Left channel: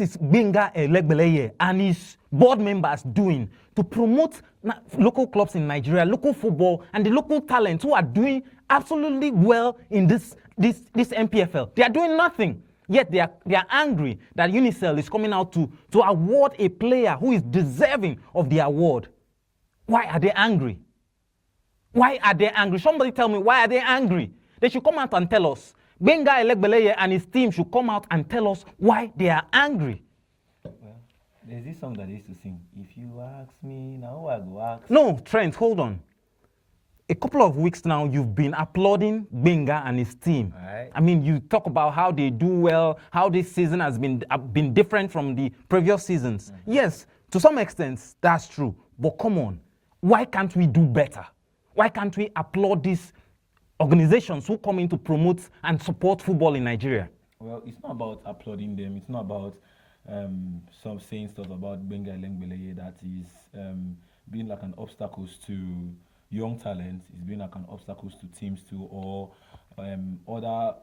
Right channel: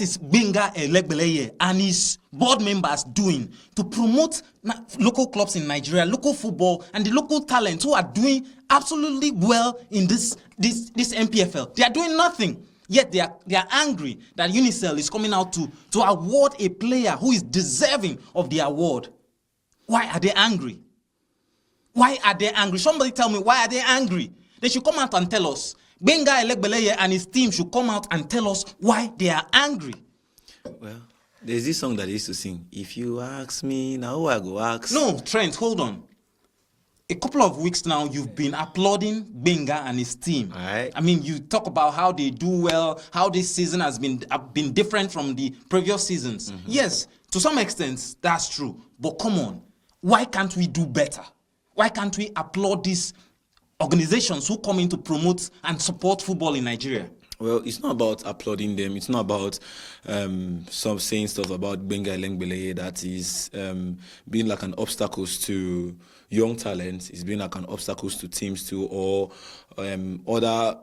what is Benga Elegbeleye and his board members doing to promote local clubs in Nigeria, local football, and the local talents who are doing absolutely well in this NPFL? They are doing nothing. Yet they are angry that UNICEF is coming out to award a player who is deserving of the award. Why are they angry? Why are they angry? Somebody tell me, why are they angry? They should come out and tell us. Benga Elegbeleye and his team should come out and tell us why they are angry. Well, there's this song that they used to sing. If you ask me, now who I go ask? No, Trent, hold on. A couple of weeks now, you've been applauding Benga and his team. Right. I mean, you talk about how they do well, how this season has been different from the previous seasons. Yes, to some extent, that's true. But come on, why can't we do better? Why can't we applaud these organizations who come in to promote and support football in Nigeria? Well, it's not about applauding them. It's not about some saying stuff about Benga Elegbeleye that is being like an obstacle to young talents. It's being like an obstacle to teams too, or other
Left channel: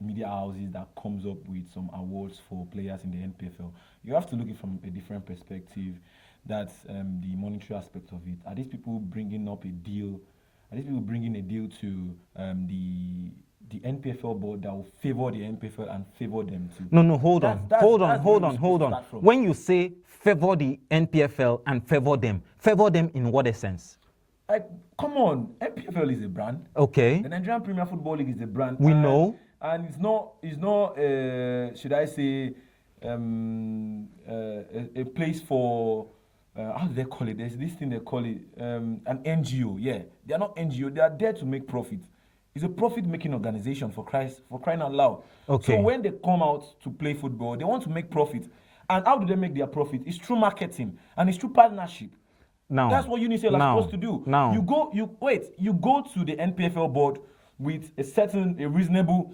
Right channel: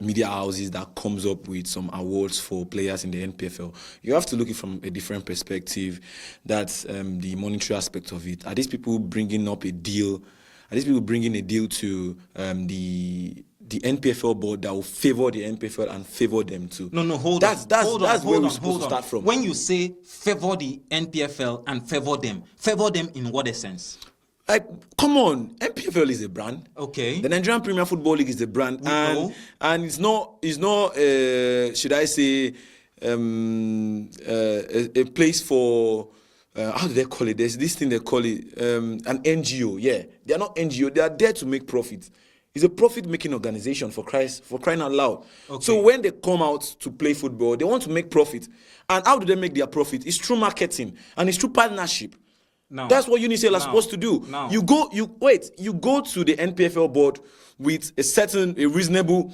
media houses that comes up with some awards for players in the NPFL. You have to look at it from a different perspective. That's the monetary aspect of it. Are these people bringing up a deal? Are these people bringing a deal to the NPFL board that will favor the NPFL and favor them too? No, hold on. When you say favor the NPFL and favor them in what essence? Like, come on, NPFL is a brand. Okay. The Nigerian Premier Football League is a brand. We know. And it's not should I say, a place for, how do they call it? There's this thing they call it, an NGO. Yeah, they are not NGO. They are there to make profit. It's a profit-making organization, for crying out loud. Okay. So when they come out to play football, they want to make profit. And how do they make their profit? It's through marketing and it's through partnership. No. That's what UNICEF are supposed to do. No. You go to the NPFL board with a reasonable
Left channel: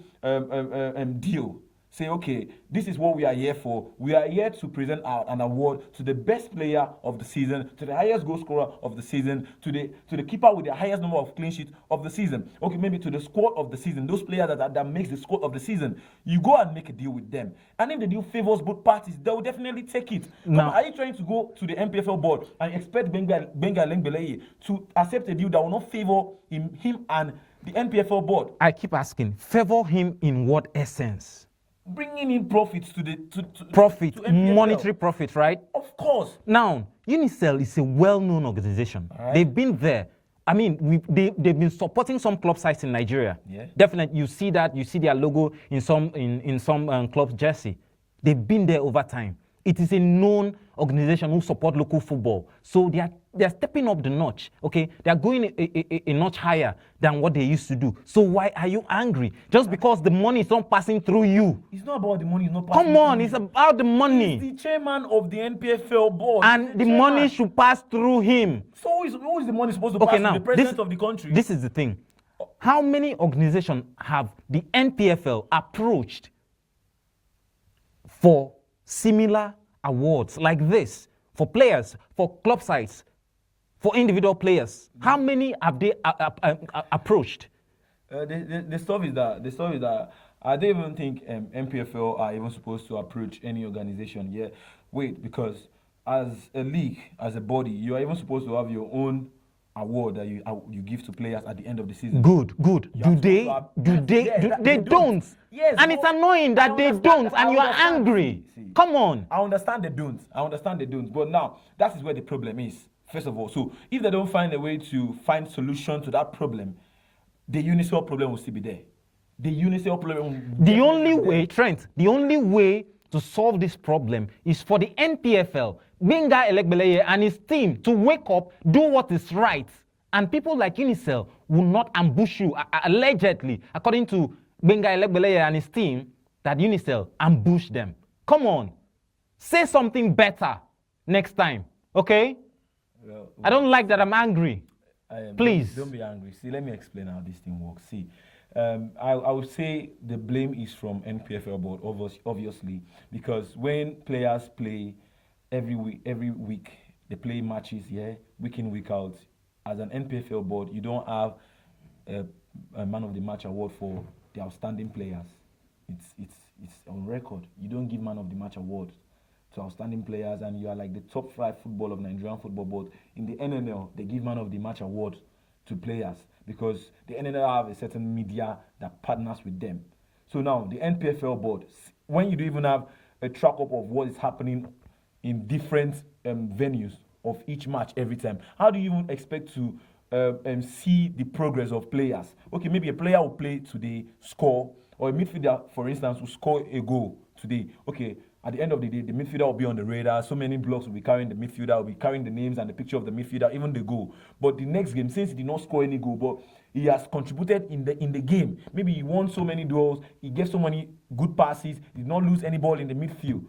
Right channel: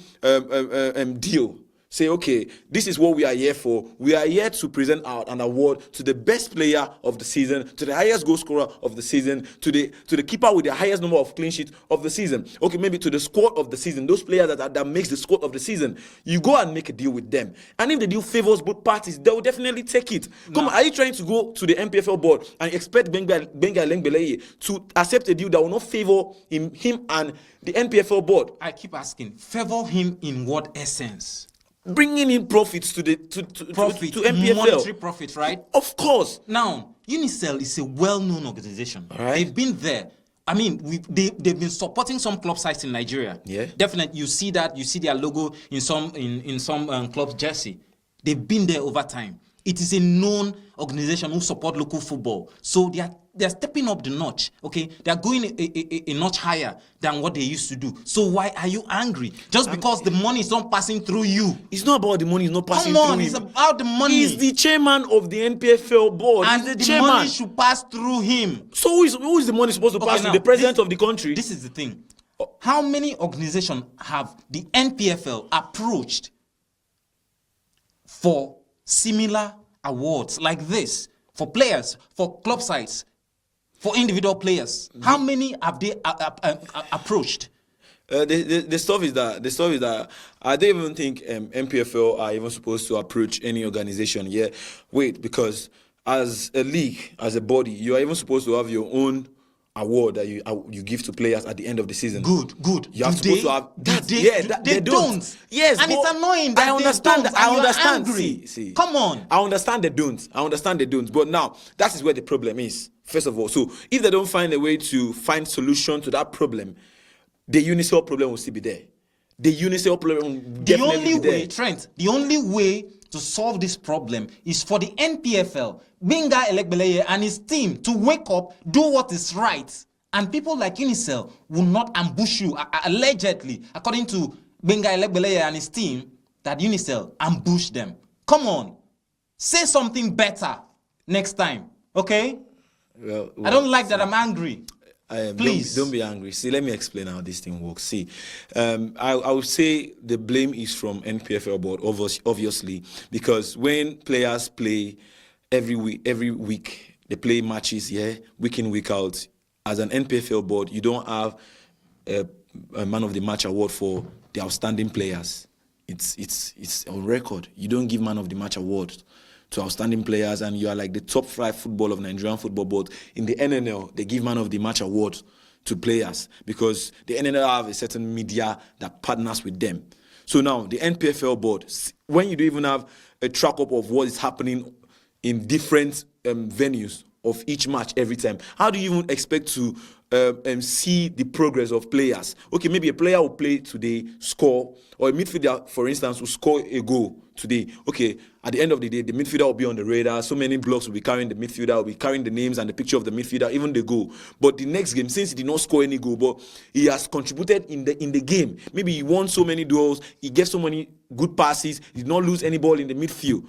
deal. Say, okay, this is what we are here for. We are here to present out an award to the best player of the season, to the highest goal scorer of the season, to the keeper with the highest number of clean sheets of the season. Okay, maybe to the squad of the season, those players that makes the squad of the season. You go and make a deal with them. And if the deal favors both parties, they will definitely take it. Come on, are you trying to go to the NPFL board and expect Benga Elegbeleye to accept a deal that will not favor him and the NPFL board? I keep asking, favor him in what essence? Bringing in profits to NPFL. Monetary profit, right? Of course. Now, UNICEF is a well-known organization. Right. They've been there. I mean, they've been supporting some club sites in Nigeria. Yeah. Definitely, you see that. You see their logo in some clubs' jersey. They've been there over time. It is a known organization who support local football. So they're stepping up the notch, okay? They're going a notch higher than what they used to do. So why are you angry? Just because the money is not passing through you. It's not about the money, it's not passing through Come on, it's about the money. He's the chairman of the NPFL board. And the money should pass through him. So who is the money supposed to pass through? The president of the country? This is the thing. How many organizations have the NPFL approached for similar awards like this, for players, for club sides, for individual players? How many have they approached? The stuff is that I don't even think NPFL are even supposed to approach any organization. Yeah, wait, because as a league, as a body, you are even supposed to have your own award that you give to players at the end of the season. Good. They don't. Yes, and it's annoying that they don't. And you're angry. See, come on. I understand they don't. But now that is where the problem is. First of all, so if they don't find a way to find solution to that problem, the UNICEF problem will still be there. The UNICEF problem will definitely be there. Trent, the only way to solve this problem is for the NPFL, Benga Elegbeleye and his team to wake up, do what is right. And people like UNICEF will not ambush you, allegedly, according to Benga Elegbeleye and his team, that UNICEF ambushed them. Come on. Say something better next time, okay? Well, I don't like that I'm angry. Please. Don't be angry. See, let me explain how this thing works. See, I would say the blame is from NPFL board, obviously, because when players play every week, they play matches, week in, week out. As an NPFL board, you don't have a man of the match award for the outstanding players. it's on record. You don't give man of the match award to outstanding players, and you are like the top 5 football of Nigerian football. But in the NNL, they give man of the match award to players because the NNL have a certain media that partners with them. So now the NPFL board, when you don't even have a track up of what is happening in different venues of each match every time, how do you even expect to see the progress of players? Okay, maybe a player will play today, score, or a midfielder, for instance, will score a goal today. Okay, at the end of the day, the midfielder will be on the radar. So many blocks will be carrying the midfielder, will be carrying the names and the picture of the midfielder, even the goal. But the next game, since he did not score any goal, but he has contributed in the game. Maybe he won so many duels, he gave so many good passes, he did not lose any ball in the midfield.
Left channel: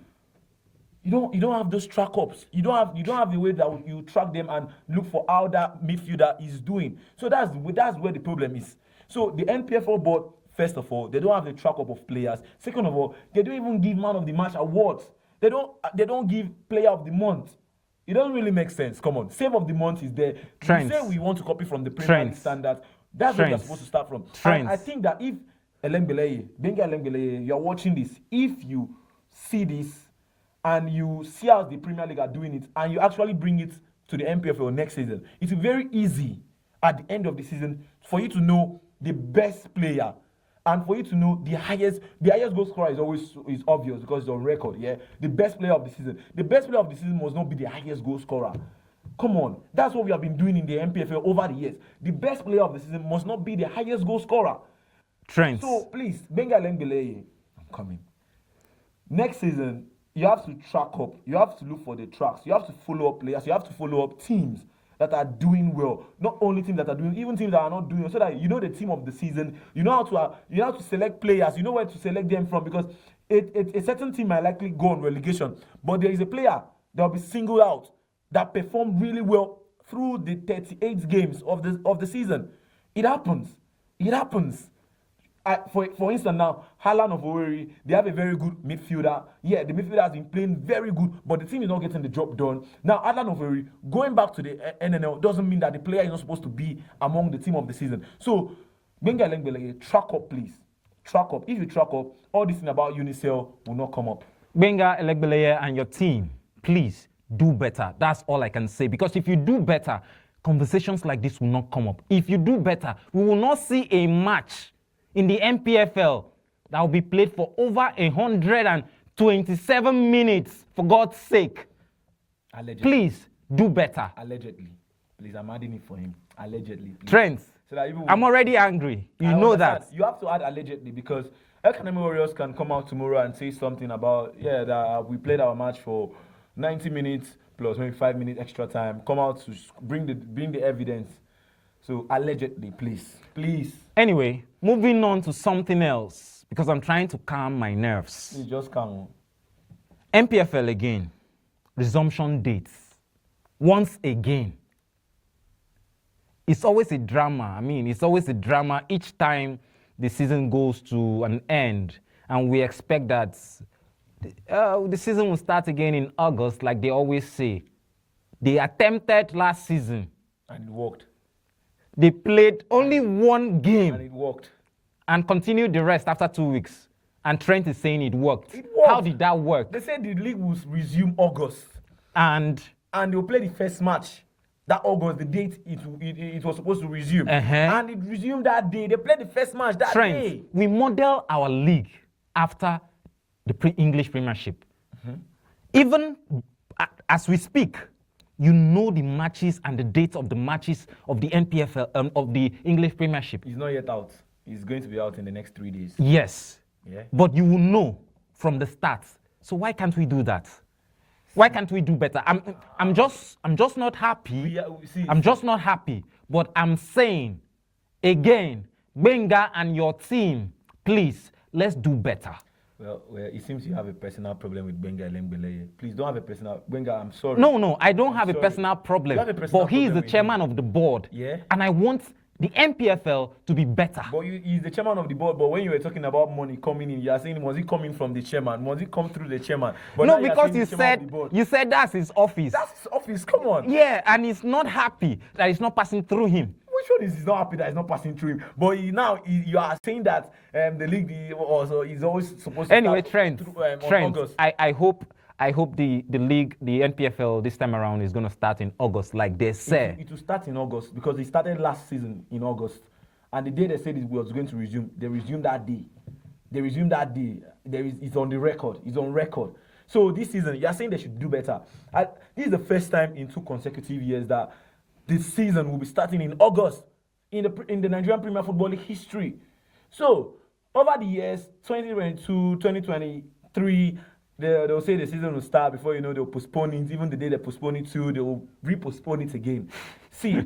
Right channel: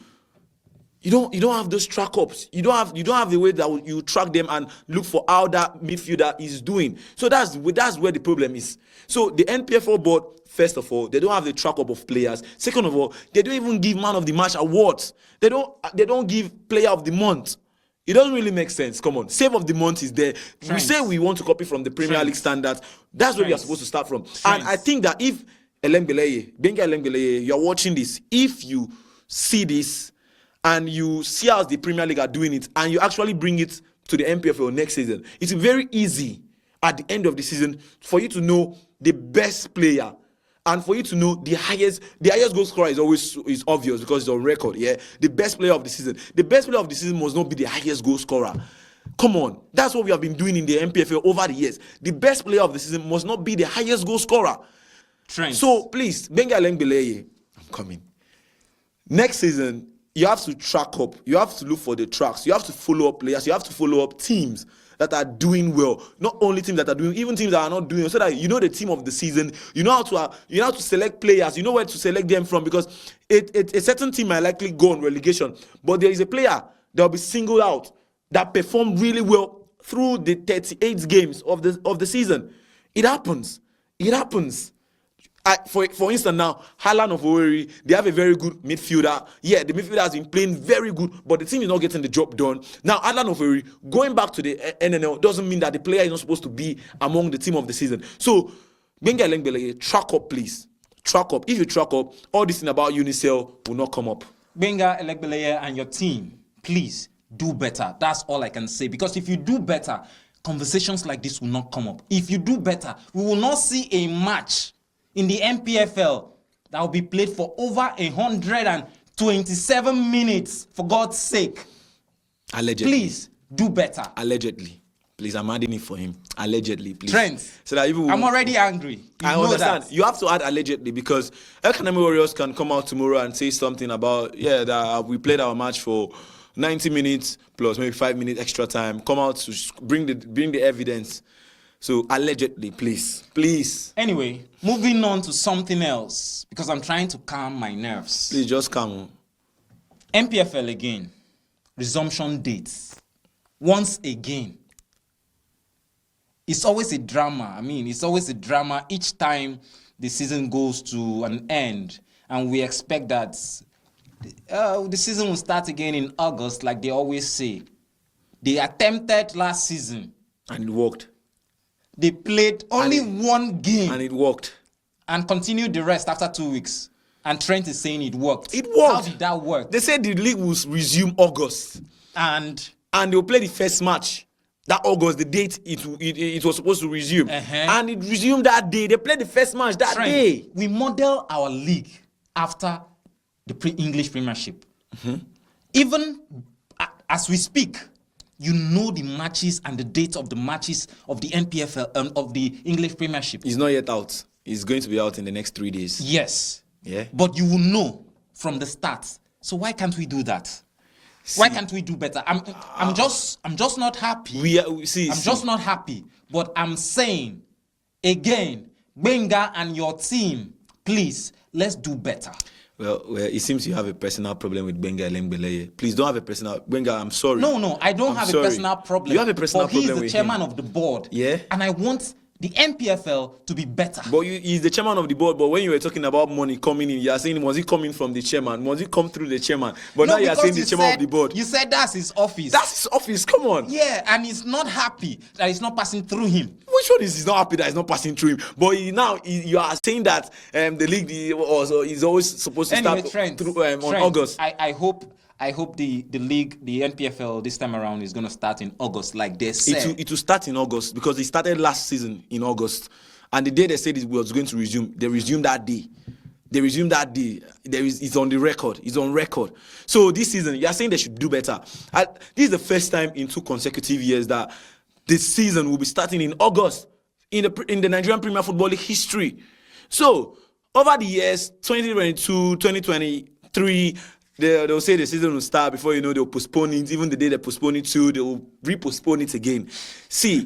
You don't have those track ups. You don't have a way that you track them and look for how that midfielder is doing. So that's where the problem is. So the NPFL board, first of all, they don't have the track up of players. Second of all, they don't even give man of the match awards. They don't give player of the month. It doesn't really make sense. Come on, save of the month is there. We say we want to copy from the Premier League standards. That's where we are supposed to start from. And I think that if Benga Elengbeleye, you're watching this, if you see this and you see how the Premier League are doing it, and you actually bring it to the NPFL next season, it's very easy at the end of the season for you to know the best player, and for you to know the highest goal scorer is obvious because it's on record. Yeah, the best player of the season. The best player of the season must not be the highest goal scorer. Come on, that's what we have been doing in the NPFL over the years. The best player of the season must not be the highest goal scorer. So please, Benga Elengbeleye, I'm coming. Next season, you have to track up. You have to look for the tracks. You have to follow up players. You have to follow up teams that are doing well. Not only teams that are doing, even teams that are not doing well, so that you know the team of the season. You know how to select players. You know where to select them from, because a certain team might likely go on relegation, but there is a player that will be singled out that performed really well through the 38 games of the season. It happens. It happens. For instance, now, Haaland of Owerri, they have a very good midfielder. Yeah, the midfielder has been playing very good, but the team is not getting the job done. Now, Haaland of Owerri, going back to the NNL, doesn't mean that the player is not supposed to be among the team of the season. So, Benga Elengbeleye, track up, please. Track up. If you track up, all this thing about Unicell will not come up. Benga Elengbeleye and your team, please do better. That's all I can say. Because if you do better, conversations like this will not come up. If you do better, we will not see a match in the NPFL that will be played for over 127 minutes, for God's sake. Allegedly. Please, do better. Allegedly. Please, I'm adding it for him. Allegedly, please. Trent, so that I'm already angry. You know understand. that. You have to add allegedly, because Academy Warriors can come out tomorrow and say something about, that we played our match for 90 minutes plus maybe 5 minutes extra time. Come out to bring the evidence. So allegedly, please. Anyway, moving on to something else, because I'm trying to calm my nerves. Please just calm. NPFL again. Resumption dates. Once again. It's always a drama. It's always a drama each time the season goes to an end. And we expect that the season will start again in August, like they always say. They attempted last season. And it worked. They played only one game. And it worked. And continued the rest after 2 weeks. And Trent is saying it worked. It worked. How did that work? They said the league will resume August. And they'll play the first match. That August, the date it was supposed to resume. And it resumed that day. They played the first match that day. We model our league after the English Premiership. Even as we speak, you know the matches and the dates of the matches of the NPFL, of the English Premiership. It's not yet out. It's going to be out in the next 3 days. Yes. Yeah. But you will know from the start. So why can't we do that? Why can't we do better? I'm just not happy. I'm just not happy. But I'm saying again, Benga and your team, please, let's do better. Well, it seems you have a personal problem with Benga Elengbeleye. Please don't have a personal... Benga, I'm sorry. No, I don't have a personal problem. You have a personal problem with him. But he is the chairman of the board. Yeah? And I want the NPFL to be better. But he's the chairman of the board, but when you were talking about money coming in, you are saying, was it coming from the chairman? Was it come through the chairman? But now you are saying the chairman of the board. You said that's his office. That's his office, come on. Yeah, and he's not happy that it's not passing through him. which one is he's not happy that it's not passing through him? But you are saying that the league also is always supposed to Anyway, start Trent, through, on August. I hope the league, the NPFL this time around is going to start in August, like they said. It will start in August because it started last season in August, and the day they said it was going to resume, they resumed that day. It's on the record. It's on record. So this season, you are saying they should do better. This is the first time in 2 consecutive years that this season will be starting in August in the Nigerian Premier Football League history. So over the years, 2022, 2023, they'll say the season will start before you know they'll postpone it. Even the day they postpone it to, they'll repostpone it again. See,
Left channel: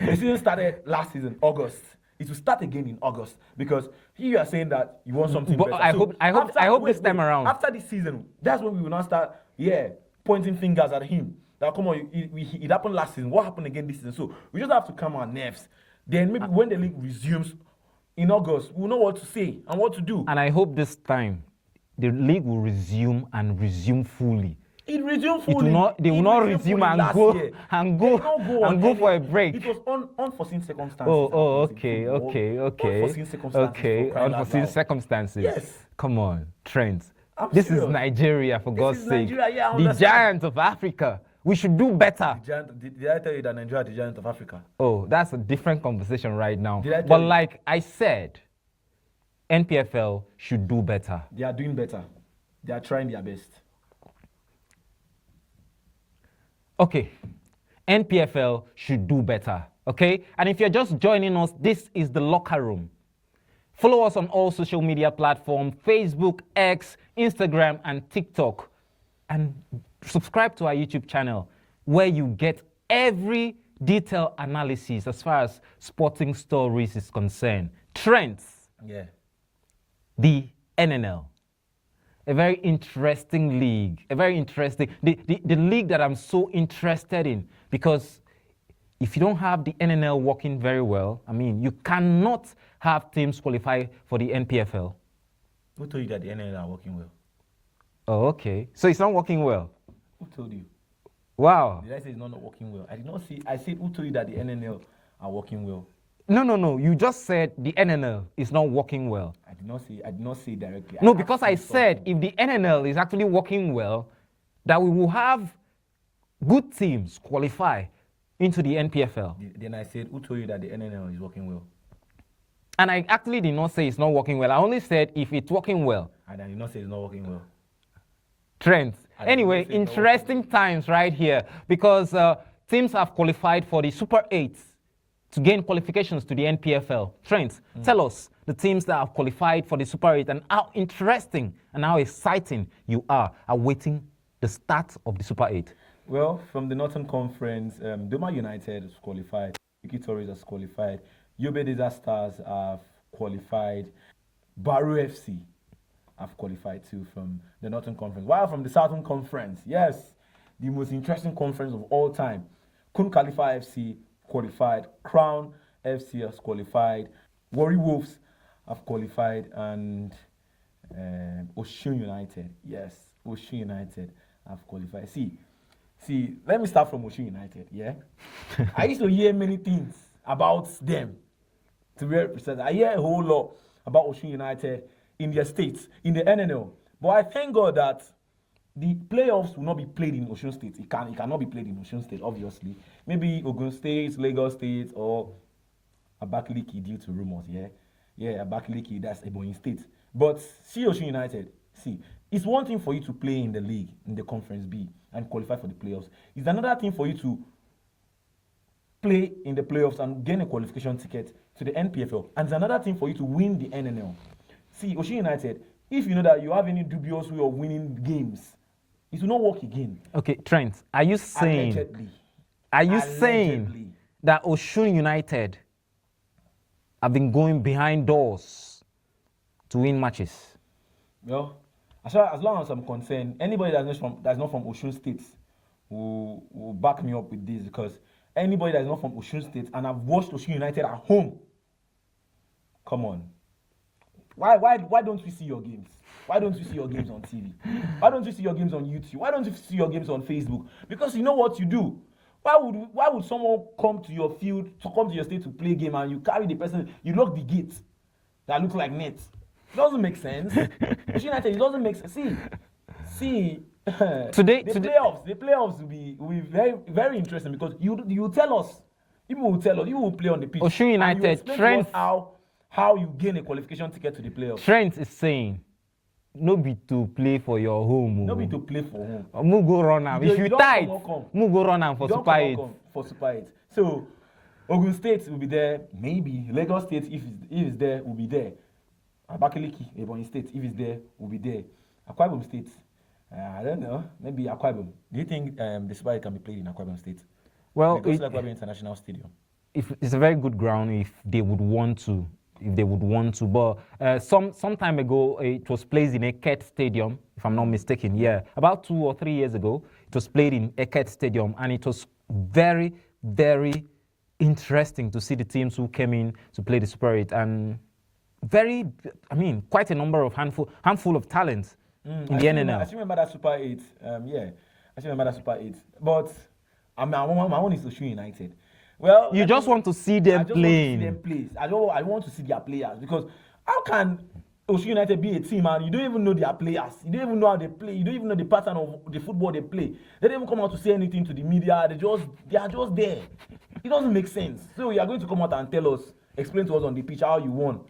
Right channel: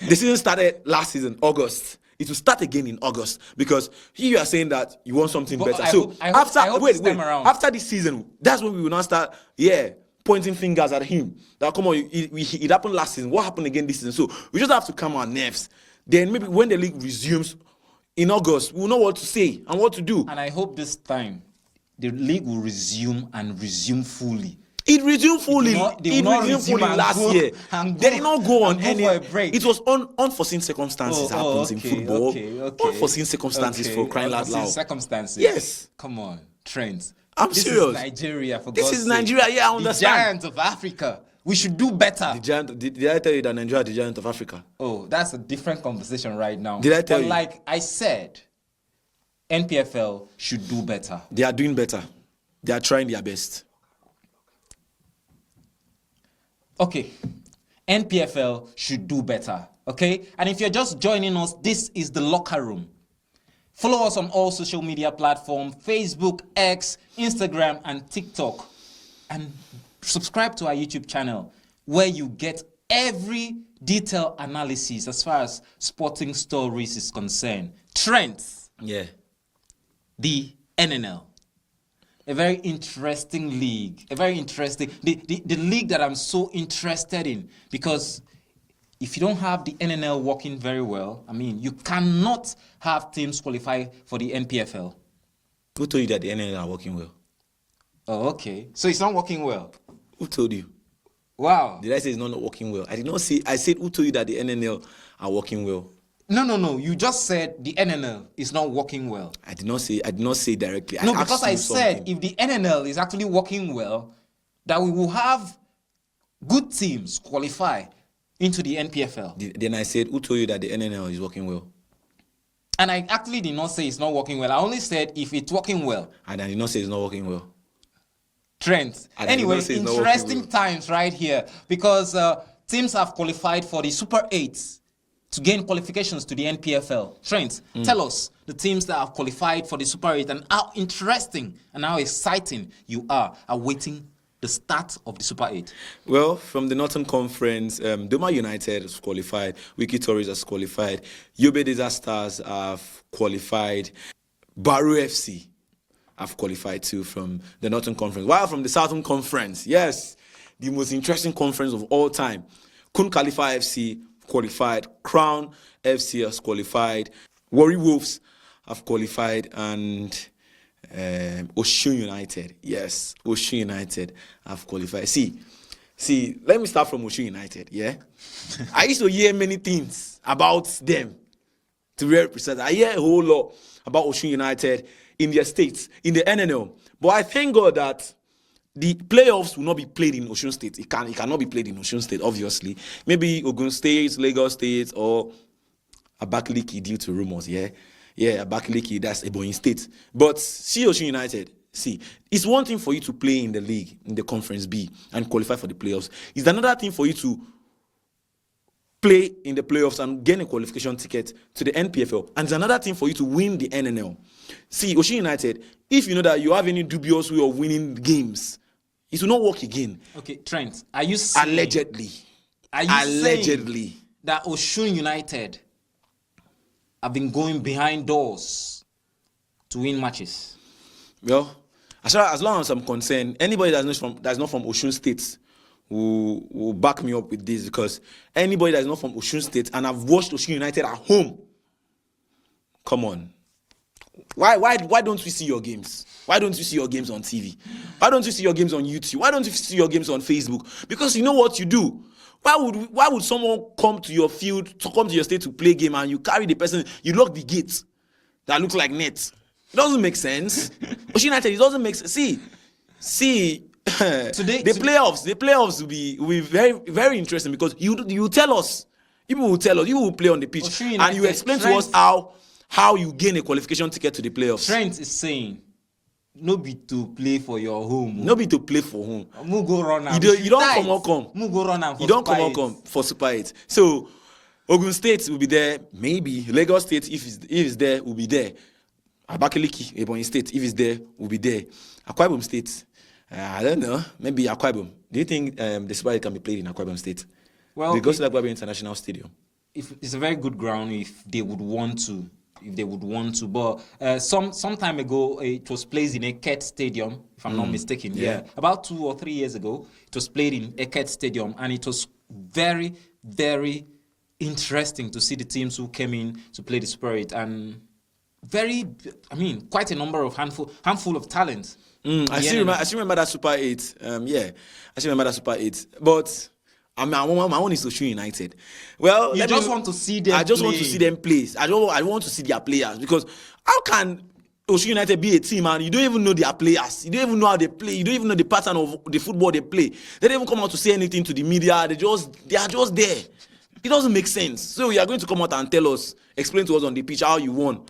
the season started last season, August. It will start again in August because you are saying that you want something better. I hope this time around. After this season, that's when we will now start, pointing fingers at him. That come on, it happened last season. What happened again this season? So we just have to calm our nerves. Then maybe when the league resumes in August, we'll know what to say and what to do. And I hope this time the league will resume fully. It resumed fully. They will not resume last year. They did not go on for a break. It was unforeseen circumstances happens in football. Okay. Unforeseen circumstances for crying out loud. Unforeseen circumstances. Yes. Come on, Trent. I'm serious. This is Nigeria, for God's sake. This is Nigeria, I understand. The giant of Africa. We should do better. Did I tell you that Nigeria is the giant of Africa? Oh, that's a different conversation right now. Did I tell you? But like I said, NPFL should do better. They are doing better. They are trying their best. Okay, NPFL should do better, okay? And if you're just joining us, this is The Locker Room. Follow us on all social media platforms, Facebook, X, Instagram, and TikTok. And subscribe to our YouTube channel where you get every detailed analysis as far as sporting stories is concerned. Trends. Yeah. The NNL. A very interesting league. The league that I'm so interested in, because if you don't have the NNL working very well, I mean, you cannot have teams qualify for the NPFL. Who told you that the NNL are working well? Oh, okay. So it's not working well. Who told you? Wow. Did I say it's not working well? I did not say. I said who told you that the NNL are working well? No. You just said the NNL is not working well. I did not say directly. No, because I said if the NNL is actually working well, that we will have good teams qualify into the NPFL. Then I said, who told you that the NNL is working well? And I actually did not say it's not working well. I only said if it's working well. And I did not say it's not working well. Trends. Anyway, interesting times right here because teams have qualified for the Super 8 to gain qualifications to the NPFL. Trent, tell us the teams that have qualified for the Super 8 and how interesting and how exciting you are awaiting the start of the Super 8. Well, from the Northern Conference, Doma United has qualified, Wiki Tories has qualified, Yobe Disasters have qualified, Baru FC have qualified too from the Northern Conference. While from the Southern Conference, yes, the most interesting conference of all time, Kun Khalifa FC qualified, Crown FC has qualified, Warri Wolves have qualified, and Osun United, yes, Osun United have qualified. See, let me start from Osun United, yeah? I used to hear many things about them, to be very precise. I hear a whole lot about Osun United in their states, in the NNL. But I thank God that the playoffs will not be played in Osun State. It cannot be played in Osun State, obviously. Maybe Ogun State, Lagos State, or Abakaliki due to rumors, yeah? Yeah, Abakaliki, that's Ebonyi State. But see Osun United, see, it's one thing for you to play in the league, in the Conference B, and qualify for the playoffs. It's another thing for you to play in the playoffs and gain a qualification ticket to the NPFL. And it's another thing for you to win the NNL. See, Osun United, if you know that you have any dubious way of winning games, it will not work again. Okay, Trent, are you saying... Allegedly. Are you saying that Osun United have been going behind doors to win matches? Well, as long as I'm concerned, anybody that's not from Osun State will back me up with this, because anybody that's not from Osun State and have watched Osun United at home, come on. Why don't we see your games? Why don't you see your games on TV? Why don't you see your games on YouTube? Why don't you see your games on Facebook? Because you know what you do? Why would someone come to your field, to come to your state to play game, and you carry the person, you lock the gate that looks like net? It doesn't make sense. Osun United, it doesn't make sense. See. The playoffs will be very, very interesting, because you tell us, people will tell us, you will play on the pitch, and you explain to us how you gain a qualification ticket to the playoffs. Trent is saying, no be to play for your home. No be to play for home. Mu go run am. You don't come. Mu go run am for Super 8. You don't Super 8. come for Super 8. So Ogun State will be there. Maybe Lagos State, if it's there, will be there. Abakaliki, Ebonyi State, if it's there, will be there. Akwa Ibom State, I don't know. Maybe Akwa Ibom. Do you think the Super 8 can be played in Akwa Ibom State? Well, they go to the Akwa Ibom International Stadium. It's a very good ground if they would want to. But some time ago, it was played in Eket Stadium, if I'm not mistaken. Yeah, about 2 or 3 years ago, it was played in Eket Stadium, and it was very, very interesting to see the teams who came in to play the Super 8, and quite a number of handful of talent. I still remember that Super 8. I still remember that Super 8. But my one is Osun United. Well, you just want to see them. I just want to see them play. I want to see their players, because how can Osun United be a team and you don't even know their players? You don't even know how they play. You don't even know the pattern of the football they play. They don't even come out to say anything to the media. They are just there. It doesn't make sense. So you are going to come out and tell us, explain to us on the pitch how you won.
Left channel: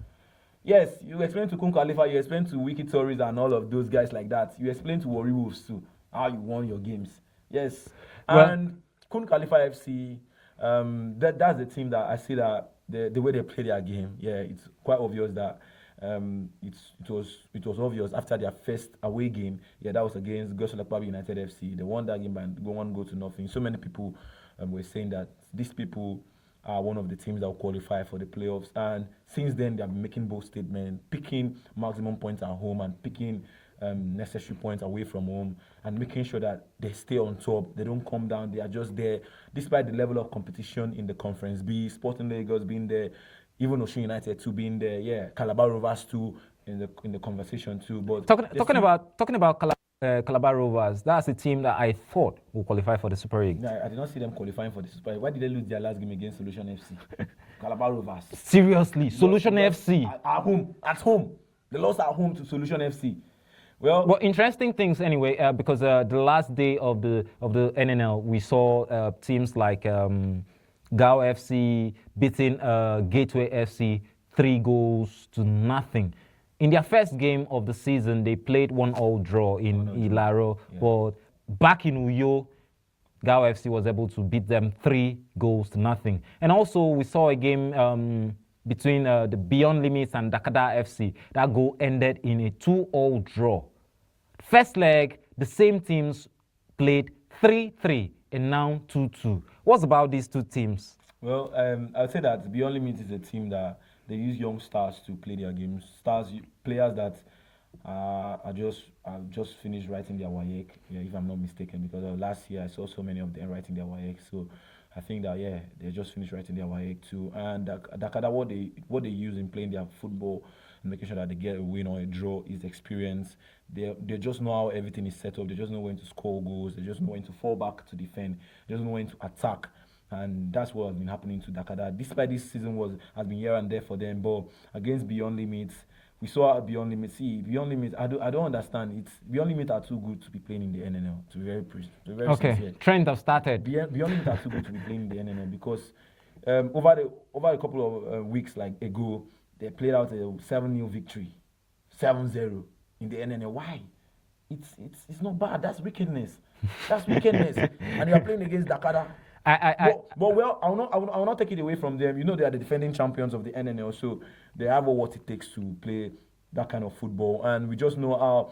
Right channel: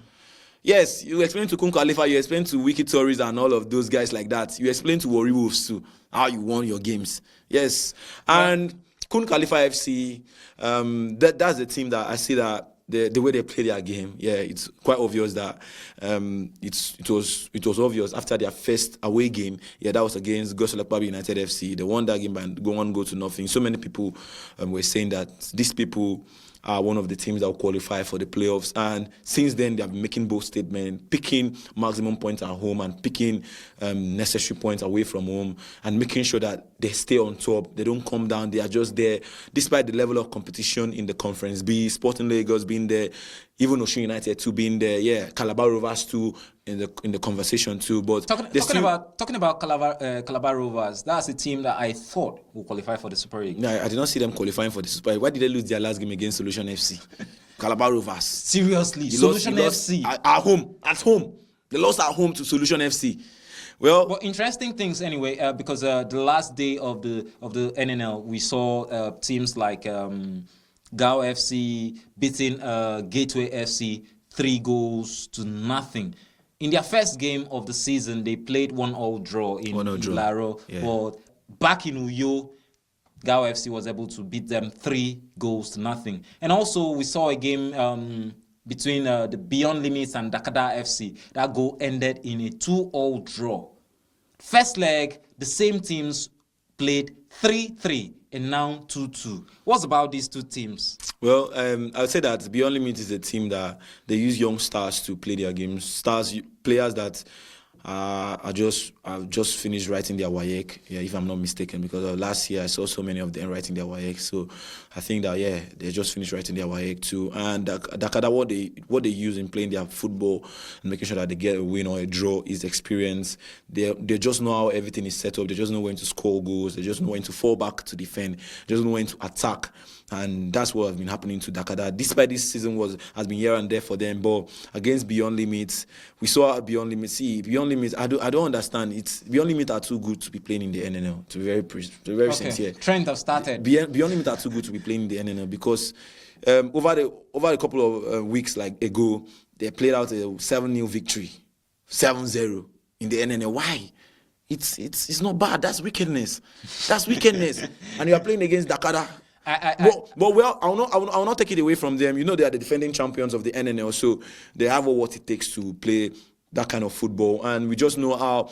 Yes, you explain to Kun Khalifa, you explain to Wiki Tories and all of those guys like that. You explain to Warri Wolves too how you won your games. Yes, and Kun Khalifa FC, that's the team that I see that the way they play their game, it's quite obvious that it was obvious after their first away game. That was against Gosolakpabi United FC. They won that game by 1-0. So many people were saying that these people are one of the teams that will qualify for the playoffs. And since then, they have been making bold statements, picking maximum points at home and picking necessary points away from home, and making sure that they stay on top. They don't come down. They are just there, despite the level of competition in the Conference B, Sporting Lagos being there, even Osun United too being there. Calabar Rovers too in the conversation too. But talking about Calabar Rovers, that's a team that I thought will qualify for the Super League. No, I did not see them qualifying for the Super League. Why did they lose their last game against Solution FC? Calabar Rovers. Seriously, Solution FC at home. They lost at home to Solution FC. Well, interesting things anyway, because the last day of the NNL, we saw teams like Gao FC beating Gateway FC 3-0. In their first game of the season, they played 1-1 draw in Laro. Yeah. But back in Uyo, Gao FC was able to beat them 3-0. And also, we saw a game between the Beyond Limits and Dakada FC. That goal ended in a 2-2 draw. First leg, the same teams played 3-3 and now 2-2. What's about these two teams? Well, I would say that Beyond Limit is a team that they use young stars to play their games. Players that have just finished writing their WAEC, if I'm not mistaken, because last year I saw so many of them writing their WAEC. So I think that they just finished writing their WAEC too. And Dakada, what they use in playing their football and making sure that they get a win or a draw is experience. They just know how everything is set up. They just know when to score goals. They just know when to fall back to defend. They just know when to attack. And that's what has been happening to Dakada. Despite this season has been here and there for them, but against Beyond Limits, we saw Beyond Limits. Beyond Limits, I don't understand. Beyond Limits are too good to be playing in the NNL. To be very sincere. Trend have started. Beyond Limits are too good to be playing in the NNL because over a couple of weeks ago, they played out a 7-0 victory, 7-0 in the NNL. Why? It's not bad. That's wickedness. And you are playing against Dakada. I will not take it away from them. You know, they are the defending champions of the NNL, so they have what it takes to play that kind of football. And we just know how,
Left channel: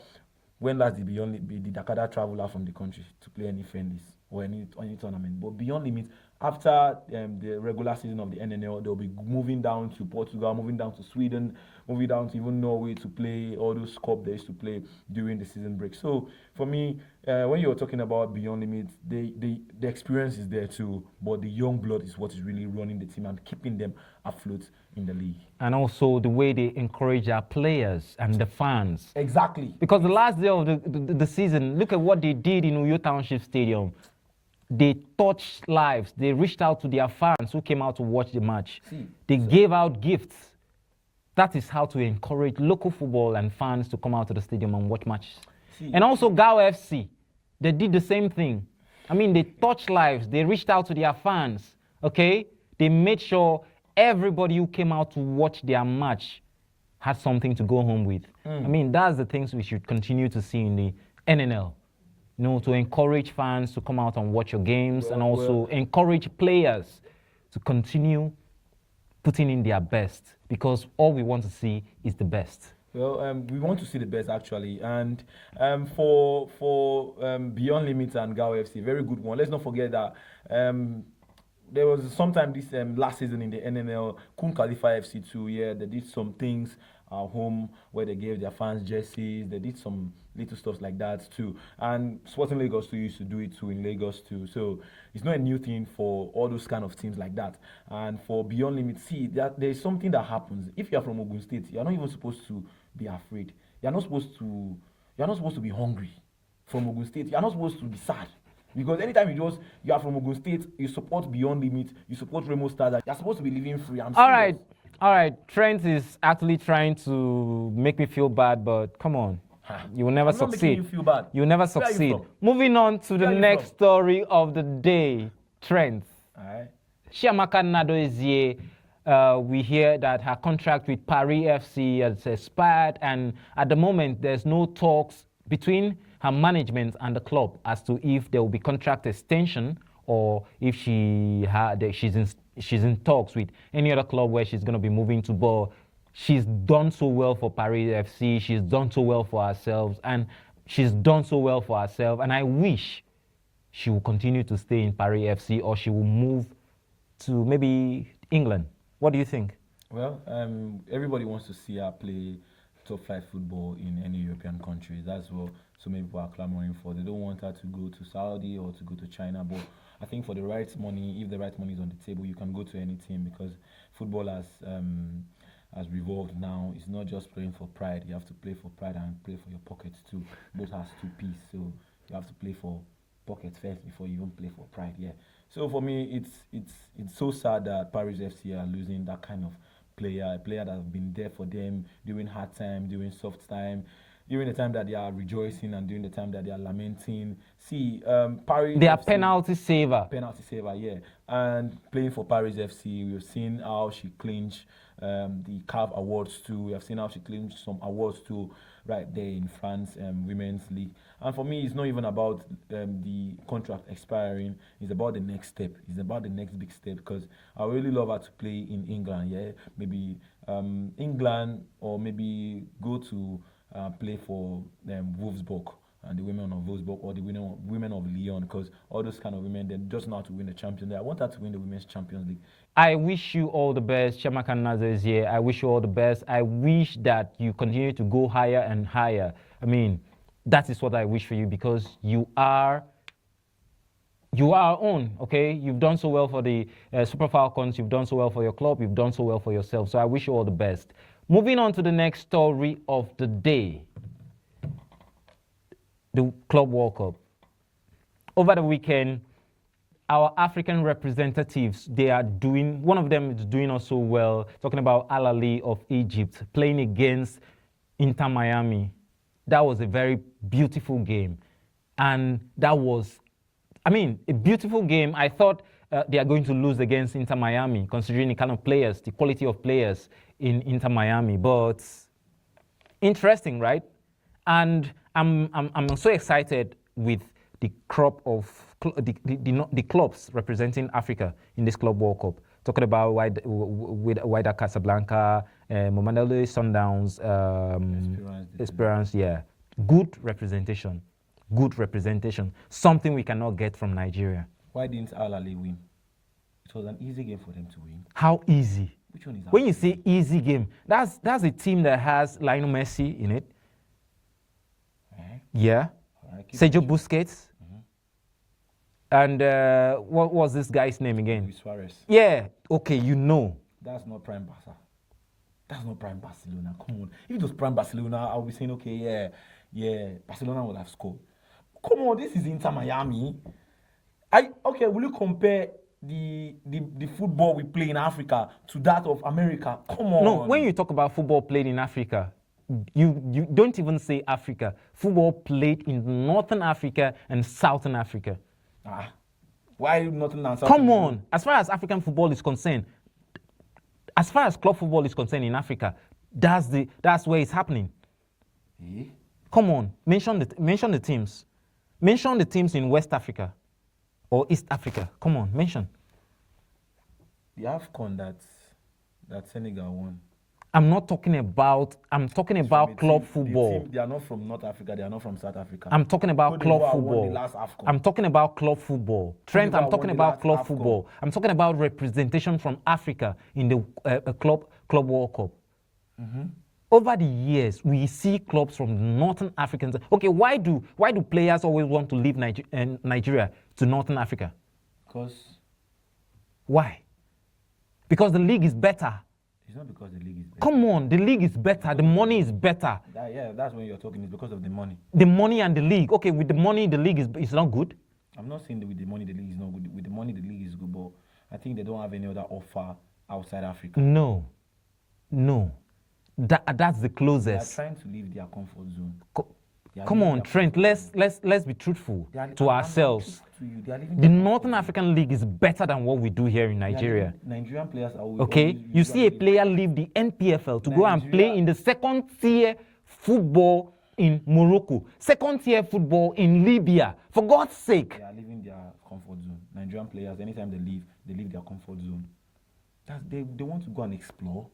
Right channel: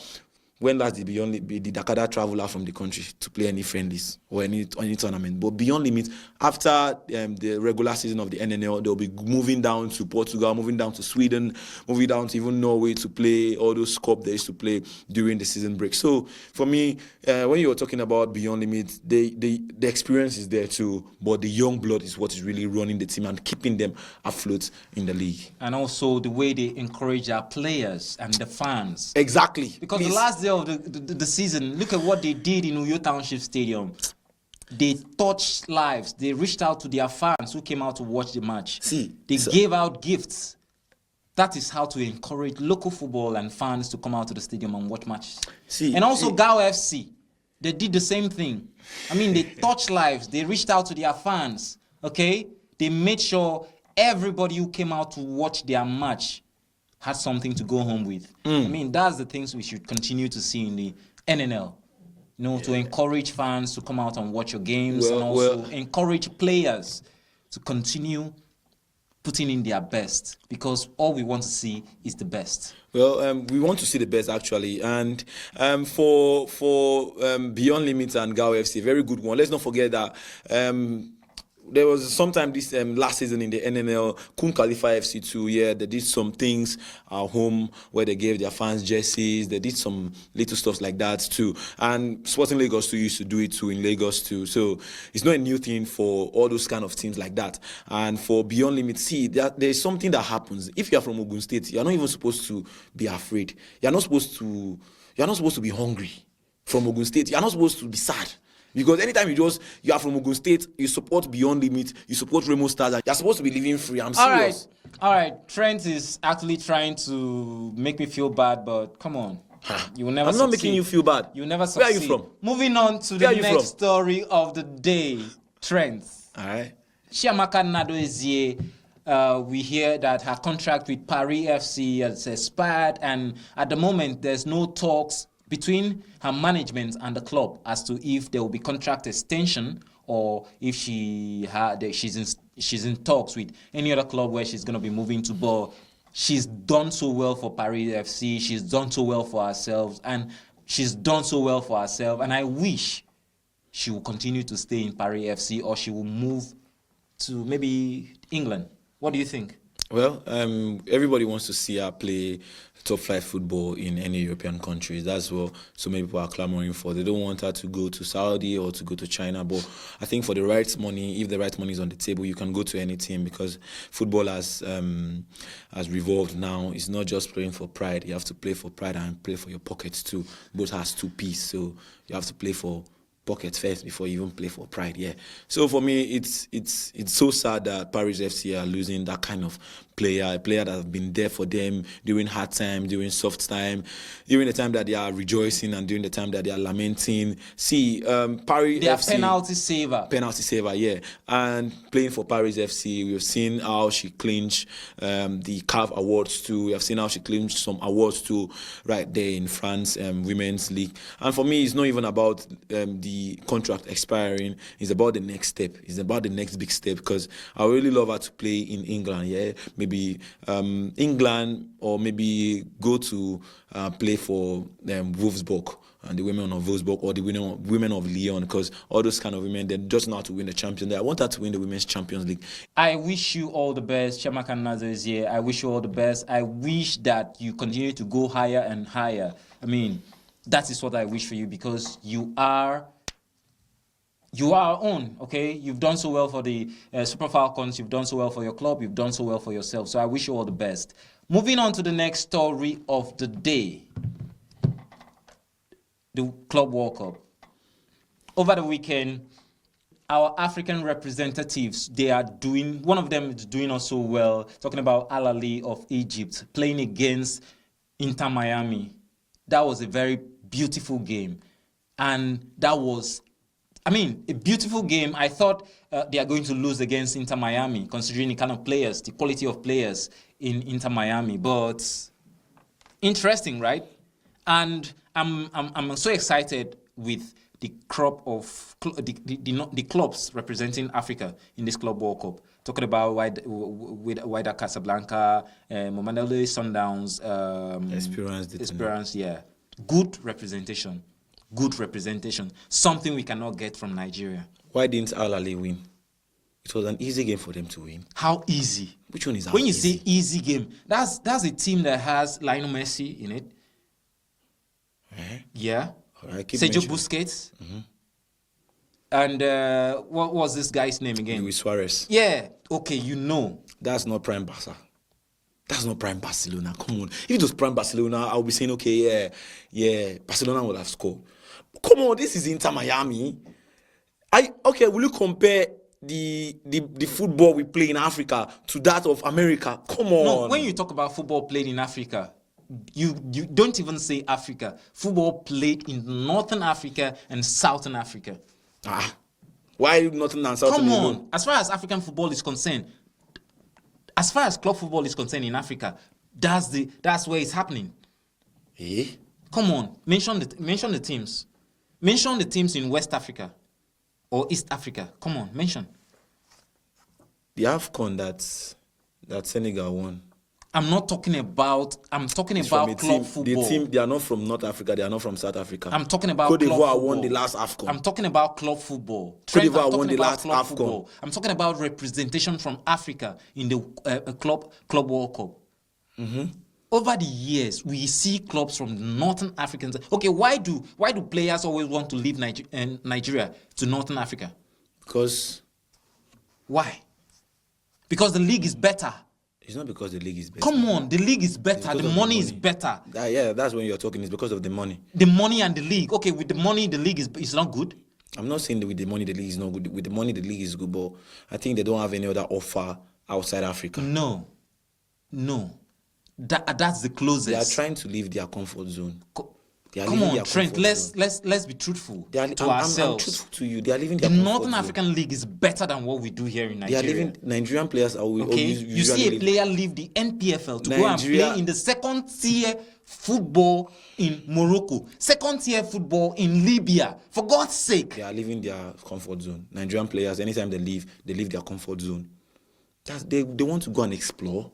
when last did Dakada travel out from the country to play any friendlies or any tournament. But Beyond Limits, after the regular season of the NNL, they'll be moving down to Portugal, moving down to Sweden, moving down to even Norway to play all those cups they used to play during the season break. So for me, when you were talking about Beyond Limits, the experience is there too, but the young blood is what is really running the team and keeping them afloat in the league. And also the way they encourage our players and the fans. Exactly. Because the last day of the season, look at what they did in Uyo Township Stadium. They touched lives. They reached out to their fans who came out to watch the match. See, they gave out gifts. That is how to encourage local football and fans to come out to the stadium and watch matches. And also Gao FC, they did the same thing. I mean, they touched lives. They reached out to their fans, okay? They made sure everybody who came out to watch their match had something to go home with. I mean, that's the things we should continue to see in the NNL. You know, to encourage fans to come out and watch your games, and also encourage players to continue putting in their best, because all we want to see is the best. Well, we want to see the best, actually, and for Beyond Limits and Gao FC, very good one. Let's not forget that there was sometime this last season in the NNL, couldn't qualify FC too. Yeah, they did some things at home where they gave their fans jerseys. They did some little stuff like that too. And Sporting Lagos too used to do it too in Lagos too. So it's not a new thing for all those kind of teams like that. And for Beyond Limits, see, there's something that happens. If you're from Ogun State, you're not even supposed to be afraid. You're not supposed to be hungry from Ogun State. You're not supposed to be sad. Because anytime you are from Ogun State, you support Beyond Limit, you support Remo Stars, you're supposed to be living free. I'm serious. All right. Trent is actually trying to make me feel bad, but come on. You will never succeed. I'm not making you feel bad. You will never succeed. Where are you from? Moving on to the next story of the day, Trent. All right. Chiamaka Nnadozie, we hear that her contract with Paris FC has expired, and at the moment there's no talks between her management and the club as to if there will be contract extension, or if she's in talks with any other club where she's going to be moving to. But she's done so well for Paris FC, she's done so well for herself, and I wish she will continue to stay in Paris FC, or she will move to maybe England. What do you think? Well, everybody wants to see her play top flight football in any European countries. That's what so many people are clamoring for. They don't want her to go to Saudi or to go to China. But I think for the right money, if the right money is on the table, you can go to any team, because football has revolved now. It's not just playing for pride. You have to play for pride and play for your pockets too. Both has two pieces. So you have to play for pockets first before you even play for pride. Yeah. So for me, it's so sad that Paris FC are losing that kind of player, a player that have been there for them during hard time, during soft time, during the time that they are rejoicing and during the time that they are lamenting. See, Paris they are FC, penalty saver. Penalty saver, yeah. And playing for Paris FC, we've seen how she clinched the CAF awards too. We have seen how she clinched some awards too right there in France, Women's League. And for me, it's not even about the contract expiring. It's about the next step. It's about the next big step, because I really love her to play in England, yeah. Maybe England, or maybe go to play for Wolfsburg and the women of Wolfsburg, or the women of Lyon, because all those kind of women, they just know how to win the Champions League. I want her to win the Women's Champions League. I wish you all the best, Chiamaka Nnadozie. I wish you all the best. I wish that you continue to go higher and higher. I mean, that is what I wish for you, because you are our own, okay? You've done so well for the Super Falcons, you've done so well for your club, you've done so well for yourself. So I wish you all the best. Moving on to the next story of the day. The Club World Cup. Over the weekend, our African representatives, one of them is doing also well, talking about Al Ahly of Egypt, playing against Inter Miami. That was a very beautiful game. And that was, a beautiful game. I thought they are going to lose against Inter Miami, considering the kind of players, the quality of players in Inter Miami. But interesting, right? And I'm so excited with the crop of the clubs representing Africa in this Club World Cup. Talking about Wydad Casablanca, Mamelodi Sundowns, Esperance, yeah. Good representation. Something we cannot get from Nigeria. Why didn't Al Ahly win? It was an easy game for them to win. How easy? Which one is when you say easy game? That's a team that has Lionel Messi in it. Yeah. Right, Sergio Busquets. And what was this guy's name again? Luis Suarez. Yeah. Okay, you know. That's not prime Barca. That's not prime Barcelona. Come on. If it was prime Barcelona, I'll be saying, okay, yeah, Barcelona would have scored. Come on, this is Inter Miami. Okay, will you compare the football we play in Africa to that of America? Come on. No, when you talk about football played in Africa, you don't even say Africa. Football played in Northern Africa and Southern Africa. Why Northern and Southern? Come on. As far as African football is concerned, as far as club football is concerned in Africa, that's where it's happening. Eh? Come on, mention the teams. Mention the teams in West Africa or East Africa. Come on, mention. The AFCON that Senegal won. I'm talking about club football. They are not from North Africa. They are not from South Africa. I'm talking about Cote club d'Ivoire football. won the last AFCON. I'm talking about club football. Trent, I'm talking about club AFCON. football. I'm talking about representation from Africa in the club World Cup. Mm-hmm. Over the years, we see clubs from Northern Africans. Okay, why do players always want to leave Nigeria to Northern Africa? Because why? Because the league is better. It's not because the league is better. Come on, the league is better. The money is better. Yeah, that's when you're talking. It's because of the money. The money and the league. Okay, with the money, the league is not good. I'm not saying that with the money, the league is not good. With the money, the league is good, but I think they don't have any other offer outside Africa. No. That's the closest. They are trying to leave their comfort zone. Come on, Trent. Let's be truthful to ourselves. I'm truthful to you. They are leaving the their Northern African League is better than what we do here in Nigeria. Nigerian players are okay. You see a player leave the NPFL to go and play in the second tier football in Morocco, second tier football in Libya. For God's sake, they are leaving their comfort zone. Nigerian players, anytime they leave their comfort zone. They want to go and explore.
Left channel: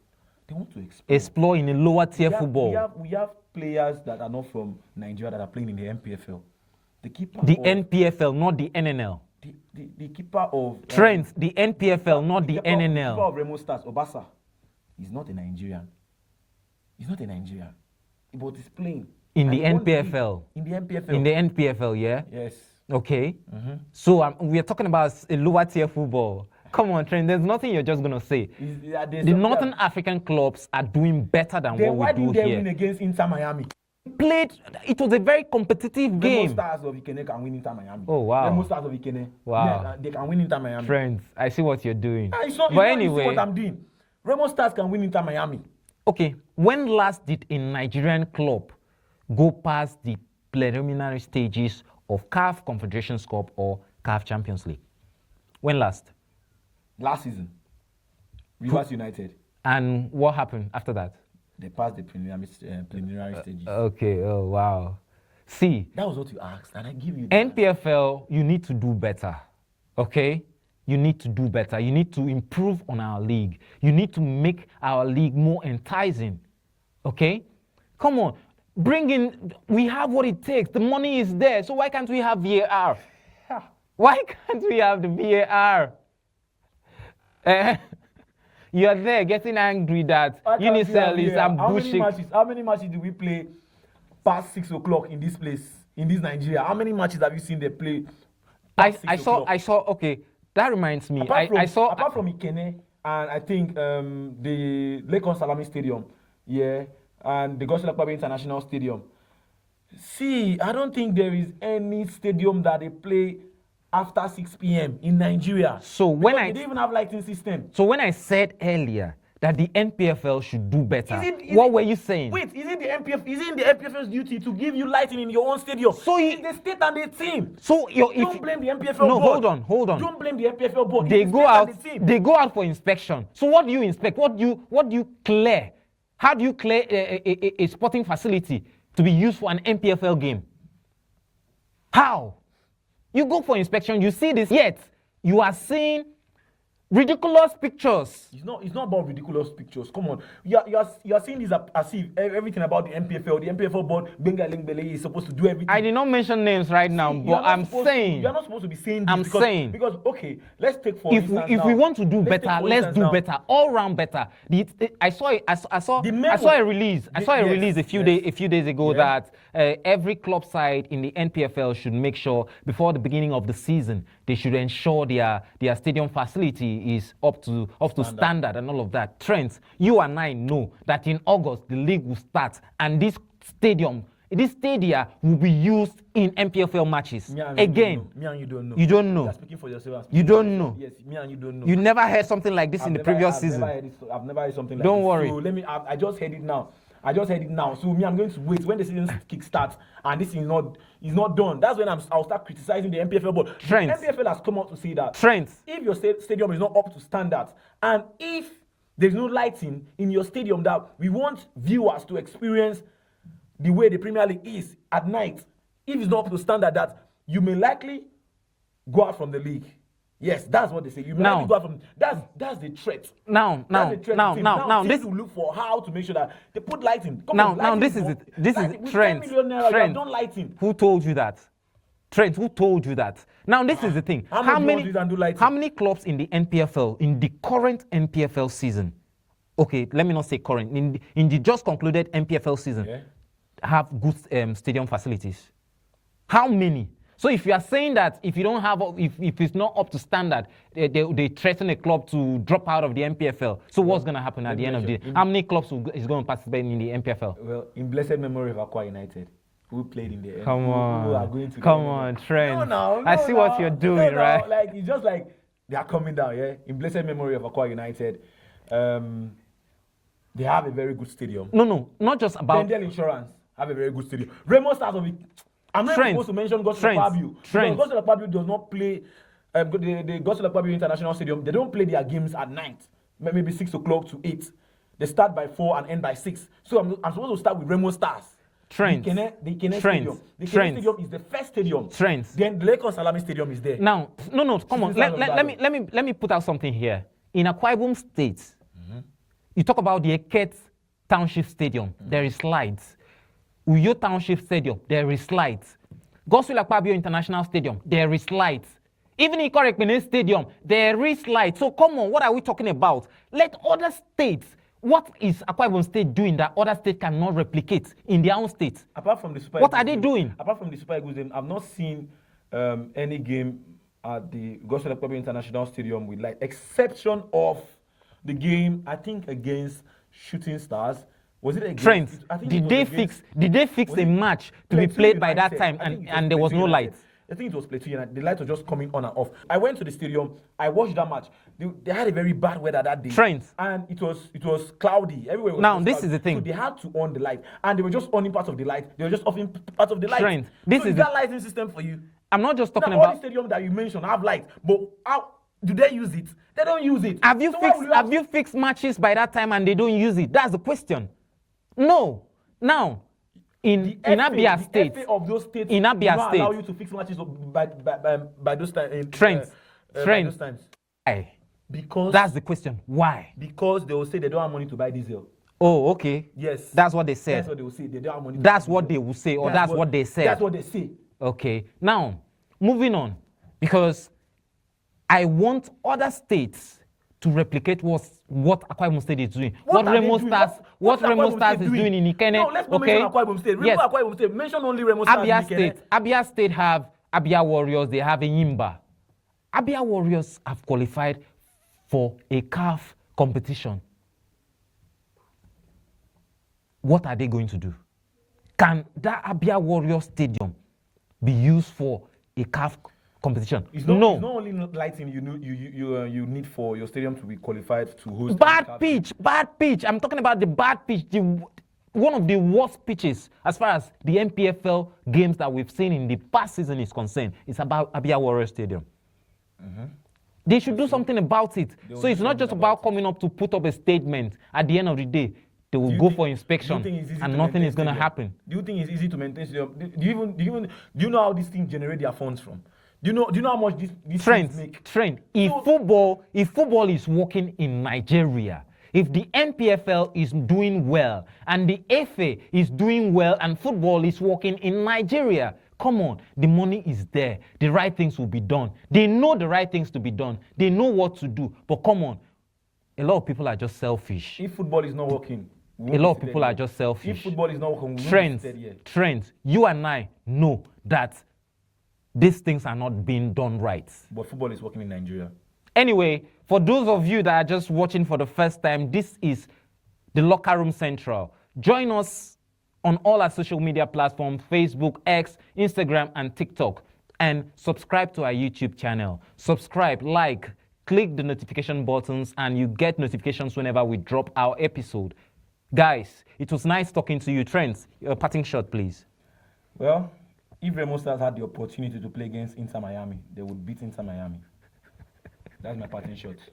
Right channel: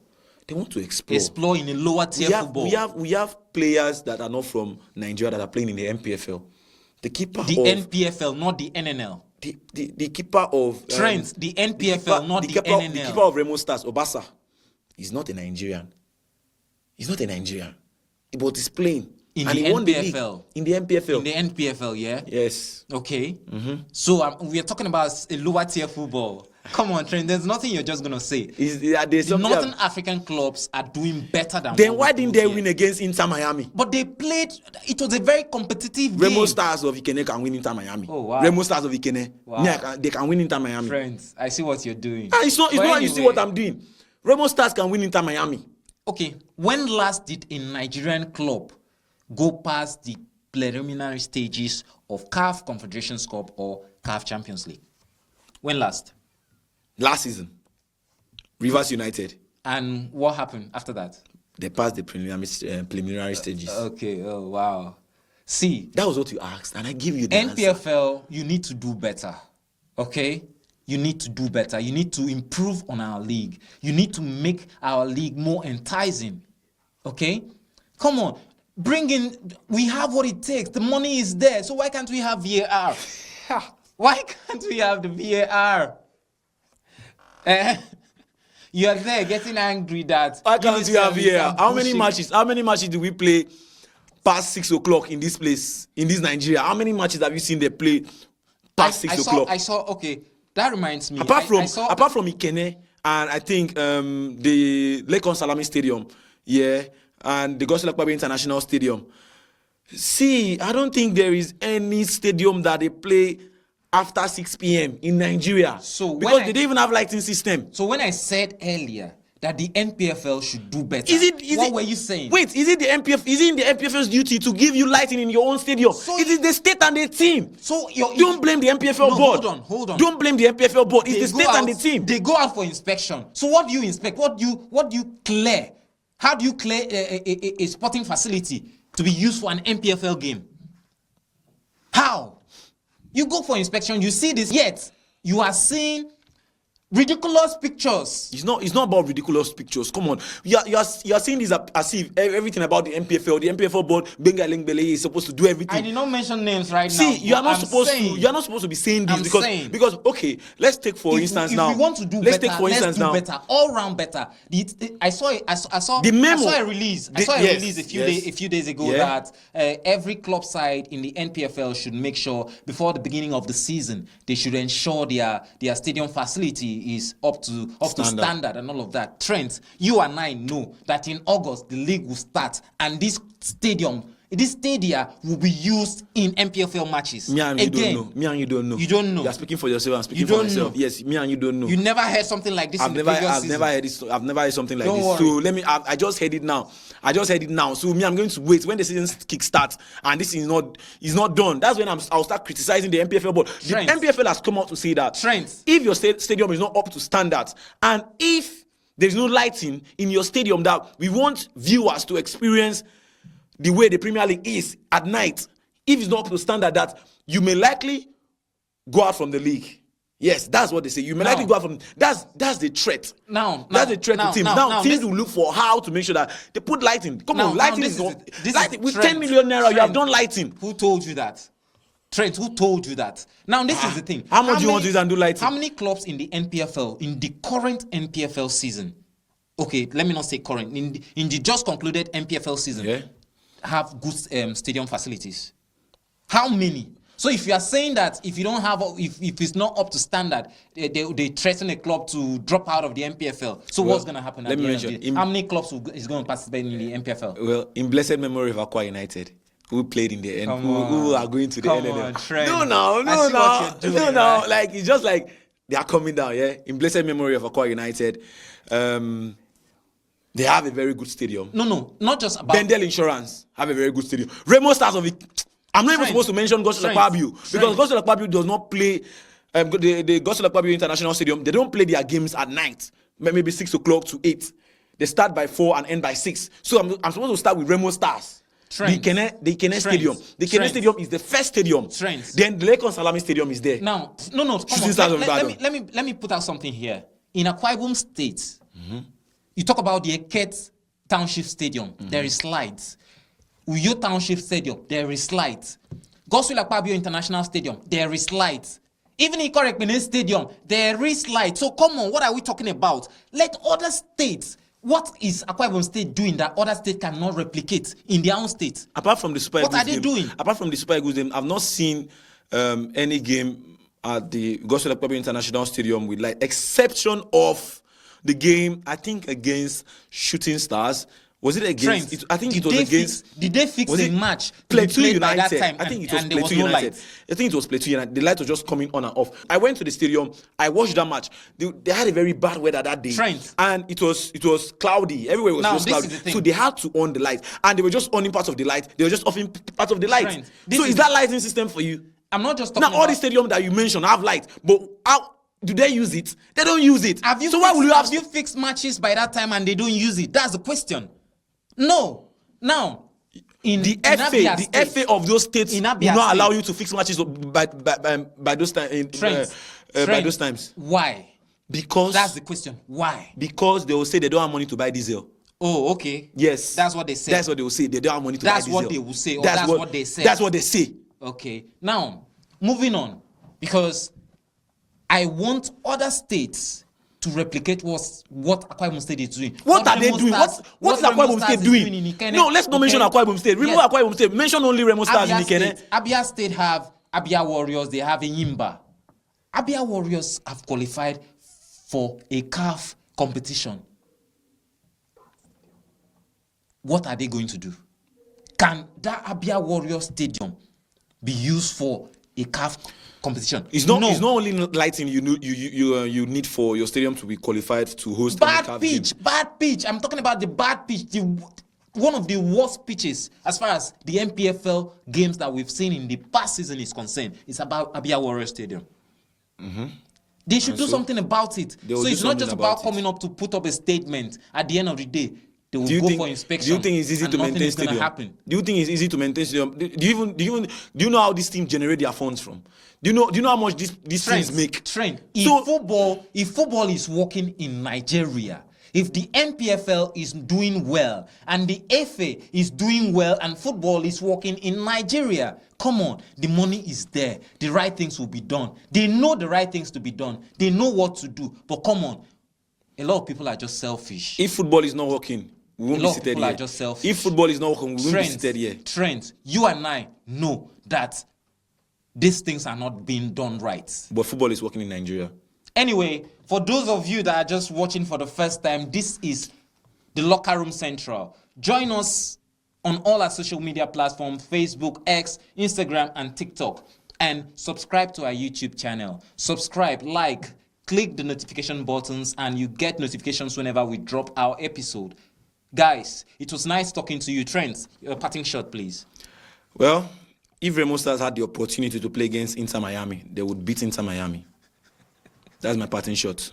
They want to explore. Explore in a lower tier football. We have players that are not from Nigeria that are playing in the NPFL. The keeper the NPFL, not the NNL. The keeper of Trent, the NPFL, not the NNL. The keeper of Remo Stars, Obasa, is not a Nigerian. He's not a Nigerian. But he's playing. In the NPFL. In the NPFL. In the NPFL, yeah? Yes. Okay. Mm-hmm. So we are talking about a lower tier football. Come on, Trent. There's nothing you're just gonna say. The Northern African clubs are doing better than. Then why didn't they win against Inter Miami? But they played. It was a very competitive game. Remo Stars of Ikene can win Inter Miami. Oh wow. Remo Stars of Ikene. Wow. Yeah, they can win Inter Miami. Friends, I see what you're doing. It's not anyway, you see what I'm doing. Remo Stars can win Inter Miami. Okay. When last did a Nigerian club go past the preliminary stages of CAF Confederations Cup or CAF Champions League? When last? Last season, Rivers United. And what happened after that? They passed the preliminary stages. Okay, oh wow. See. That was what you asked, and I give you the NPFL, answer. You need to do better, okay? You need to do better. You need to improve on our league. You need to make our league more enticing, okay? Come on, we have what it takes. The money is there, so why can't we have VAR? Why can't we have the VAR? You're there getting angry that How many matches do we play past 6 o'clock in this place, in this Nigeria? How many matches have you seen they play past 6 o'clock? I saw, okay, that reminds me. Apart from Ikene and I think the Lekon Salami Stadium, yeah, and the Gosel Akpabio International Stadium. See, I don't think there is any stadium that they play after 6 p.m. in Nigeria. So because they don't even have lighting system. So when I said earlier that the NPFL should do better, what were you saying? Wait, is it in the NPFL's duty to give you lighting in your own stadium? So it is the state and the team. So don't blame the NPFL board. Hold on. Don't blame the NPFL board. It's the state and the team. They go out for inspection. So what do you inspect? What do you clear? How do you clear a sporting facility to be used for an NPFL game? How? You go for inspection, you see this, yet you are seeing ridiculous pictures. It's not about ridiculous pictures. Come on. You are saying this as if everything about the NPFL board, Benga Lengbele is supposed to do everything. I did not mention names right now. See, you're not supposed to be saying this because okay, let's take for instance now. If we want to do better, let's do better. All round better. I saw a release. I saw a release a few days ago that every club side in the NPFL should make sure before the beginning of the season they should ensure their stadium facility is up to standard and all of that. Trent, you and I know that in August the league will start and this stadium this stadia will be used in NPFL matches. Me and Again, you don't know. Me and you don't know. You don't know. You are speaking for yourself. I'm speaking You for don't myself. know. Yes, me and you don't know. You never heard something like this in the previous season. I've never heard something like Don't this. worry. So let me. I just heard it now. So me, I'm going to wait when the season kick starts and this is not done. That's when I'll start criticizing the NPFL board. The Trent. NPFL has come out to say that Trent. if your stadium is not up to standards and if there's no lighting in your stadium, that we want viewers to experience the way the Premier League is at night. If it's not up to standard, that you may likely go out from the league. Yes, that's what they say. You may likely go out from. That's the threat. That's the threat to teams. Now teams will look for how to make sure that they put lighting. Come on, lighting this is with Trent, 10 million naira. You have done lighting. Who told you that? Trent, who told you that? Now, this is the thing. How much do you want to use and do lighting? How many clubs in the NPFL, in the current NPFL season, okay, let me not say current, in the just concluded NPFL season, have good stadium facilities? How many? So if you are saying that if you don't have, if it's not up to standard, they threaten a club to drop out of the NPFL. So what's going to happen at the end of the day? How many clubs is going to participate in the NPFL? Well, in blessed memory of Aqua United, who played in the end, who are going to the Come NNL. on, Trent. No, I see what you're doing, right? Like it's just like they are coming down. Yeah, in blessed memory of Aqua United, they have a very good stadium. No, not just about Bendel Insurance have a very good stadium. Remo Stars of it. I'm not even supposed to mention Gospel Akpabio because Gospel Akpabio does not play the Gospel Akpabio International Stadium. They don't play their games at night, maybe 6 o'clock to 8. They start by 4 and end by 6. So I'm supposed to start with Remo Stars. The Ikene Stadium. The Ikene Stadium is the first stadium. Then the Lagos Salami Stadium is there. Now, no, come on. Let me put out something here. In Akwa Ibom State, you talk about the Eket Township Stadium. There is slides. Uyo Township Stadium, there is lights. Gospel Akpabio International Stadium, there is lights. Even in Korekpene Stadium, there is lights. So come on, what are we talking about? Let other states, what is Akwa Ibom State doing that other states cannot replicate in their own state? Apart from the Super Eagles, what are they doing? Apart from the Super Eagles game, I've not seen any game at the Gospel Akpabio International Stadium with light, exception of the game, I think, against Shooting Stars. Was it against? I think it was against. Did they fix a match to be played by that time and there was no light? I think it was Plateau United. The light was just coming on and off. I went to the stadium. I watched that match. They had a very bad weather that day. And it was cloudy. Everywhere was cloudy. This is the thing. So they had to on the light. And they were just on parts of the light. They were just offing parts of the light. So is that lighting system for you? I'm not just talking about... Now, all the stadiums that you mentioned have light. But how... Do they use it? They don't use it. Have you fixed matches by that time and they don't use it? That's the question. No. Now, the FA of those states will not allow you to fix matches by those times. By those times. Why? Because that's the question. Why? Because they will say they don't have money to buy diesel. Oh, okay. Yes. That's what they say. That's what they will say. They don't have money to buy diesel. That's what they will say, or that's what they say. That's what they say. Okay. Now, moving on, because I want other states to replicate what Akwa Ibom State is doing. What are they doing? What's Akwa Ibom State doing in Ikene? No, let's not mention Akwa Ibom State. Remove Akwa Ibom State. Mention only Remo Stars in Ikene. Abia State have Abia Warriors. They have a Yimba. Abia Warriors have qualified for a CAF competition. What are they going to do? Can that Abia Warriors Stadium be used for a CAF competition? It's not only lighting you need for your stadium to be qualified to host. Bad pitch. I'm talking about the bad pitch. One of the worst pitches as far as the NPFL games that we've seen in the past season is concerned. It's about Abia Warriors Stadium. They should do something about it. So it's not just about coming up to put up a statement. At the end of the day, they will go for inspection. Do you think it's easy to maintain stadium? Happen. Do you think it's easy to maintain stadium? Do you know how this team generate their funds from? Do you know how much these teams make? If football is working in Nigeria, if the NPFL is doing well and the FA is doing well and football is working in Nigeria, come on, the money is there. The right things will be done. They know the right things to be done. They know what to do. But come on, a lot of people are just selfish. If football is not working, we won't a lot be of people are just selfish. If football is not working, we won't be seated here. Trent, you and I know that these things are not being done right. But football is working in Nigeria. Anyway, for those of you that are just watching for the first time, this is the Locker Room Central. Join us on all our social media platforms, Facebook, X, Instagram, and TikTok. And subscribe to our YouTube channel. Subscribe, like, click the notification buttons, and you get notifications whenever we drop our episode. Guys, it was nice talking to you. Trent, your parting shot, please. Well, if Remo Stars had the opportunity to play against Inter Miami, they would beat Inter Miami. That's my parting shot.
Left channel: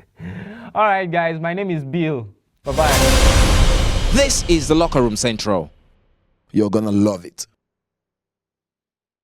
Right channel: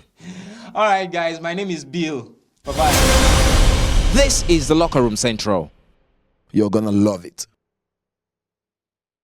All right, guys, my name is Bill. Bye-bye. This is the Locker Room Central. You're gonna love it.